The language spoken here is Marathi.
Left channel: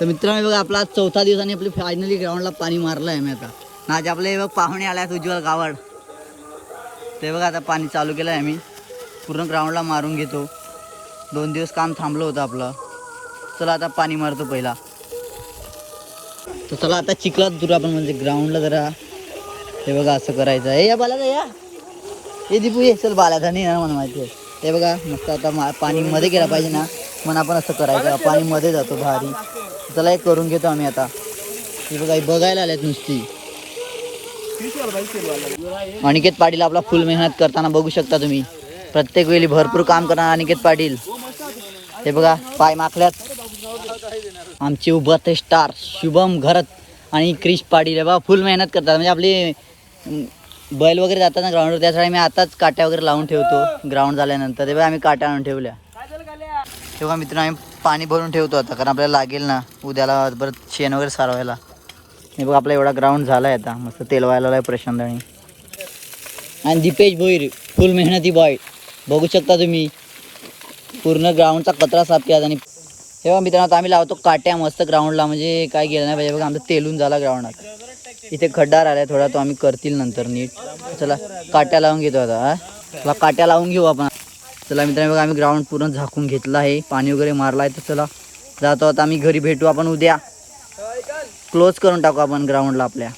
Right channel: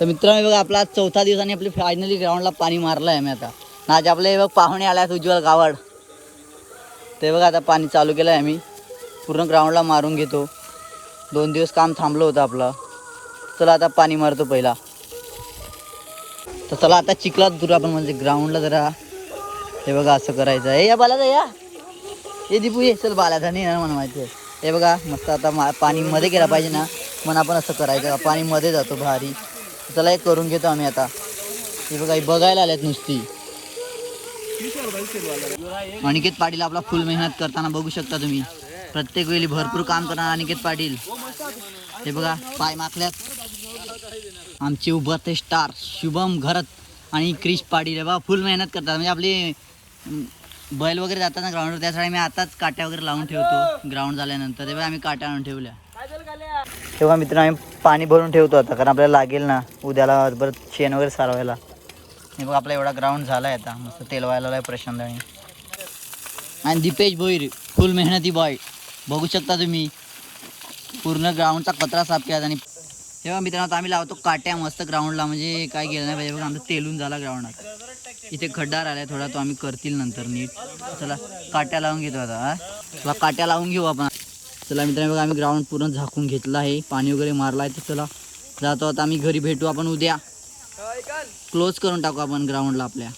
तर मित्रांनो बघा आपला 4था दिवस आणि आपली फायनली ग्राउंडला पाणी मारलं आहे आम्ही आता. आज आपले बघ पाहुणे आले आहेत उज्ज्वल गावड. ते बघा आता पाणी चालू केलं आहे आम्ही. पूर्ण ग्राउंडला मारून घेतो. 2 दिवस काम थांबलं होतं आपलं. चला आता पाणी मारतो पहिला. तर चला आता चिखलात दूर आपण म्हणजे ग्राउंडला जरा हे बघा असं करायचं आहे. या बालाचा या हे दीपू ये चल बालाचा नाही ना मला माहिती आहे. हे बघा मस्त आता पाणी मध्ये गेला पाहिजे ना म्हणून आपण असं करायचं. पाणी मध्ये जातो भारी. चला हे करून घेतो आम्ही आता. हे बघा हे बघायला आलेत नुसती. अनिकेत पाटील आपला फुल मेहनत करताना बघू शकता तुम्ही. प्रत्येक वेळी भरपूर काम करणार अनिकेत पाटील. हे बघा पाय माखल्यात. आमचे उभरते स्टार शुभम घरत आणि क्रिश पाटील हे बघा फुल मेहनत करतात. म्हणजे आपली बैल वगैरे जातात ना ग्राउंडवर त्यासाठी मी आताच काट्या वगैरे लावून ठेवतो. ग्राउंड झाल्यानंतर ते बघा आम्ही काट्या आणून ठेवल्या. तेव्हा मित्रांनो आम्ही पाणी भरून ठेवतो आता कारण आपल्याला लागेल ना उद्याला परत शेण वगैरे सारवायला. हे बघा आपला एवढा ग्राउंड झाला आहे आता मस्त तेल व्हायला आहे प्रशांतनी. आणि दीपेश भोईर फुल मेहनती बॉय बघू शकता तुम्ही. पूर्ण ग्राउंडचा कचरा साफ केला. आणि हे बघा मित्रांनो आम्ही लावतो काट्या मस्त ग्राउंडला म्हणजे काय गेलं नाही पाहिजे. बघा आमचं तेलून झाला ग्राउंडात. इथे खड्डा राहिला थोडा तो आम्ही करतील नंतर नीट. चला काट्या लावून घेतो आता. चला काट्या लावून घेऊ आपण. चला मित्रांनो बघा आम्ही ग्राउंड पूर्ण झाकून घेतलं आहे. पाणी वगैरे मारलं आहे. तर चला जातो आता आम्ही घरी भेटू आपण उद्या. क्लोज करून टाकू आपण ग्राउंडला आपल्या.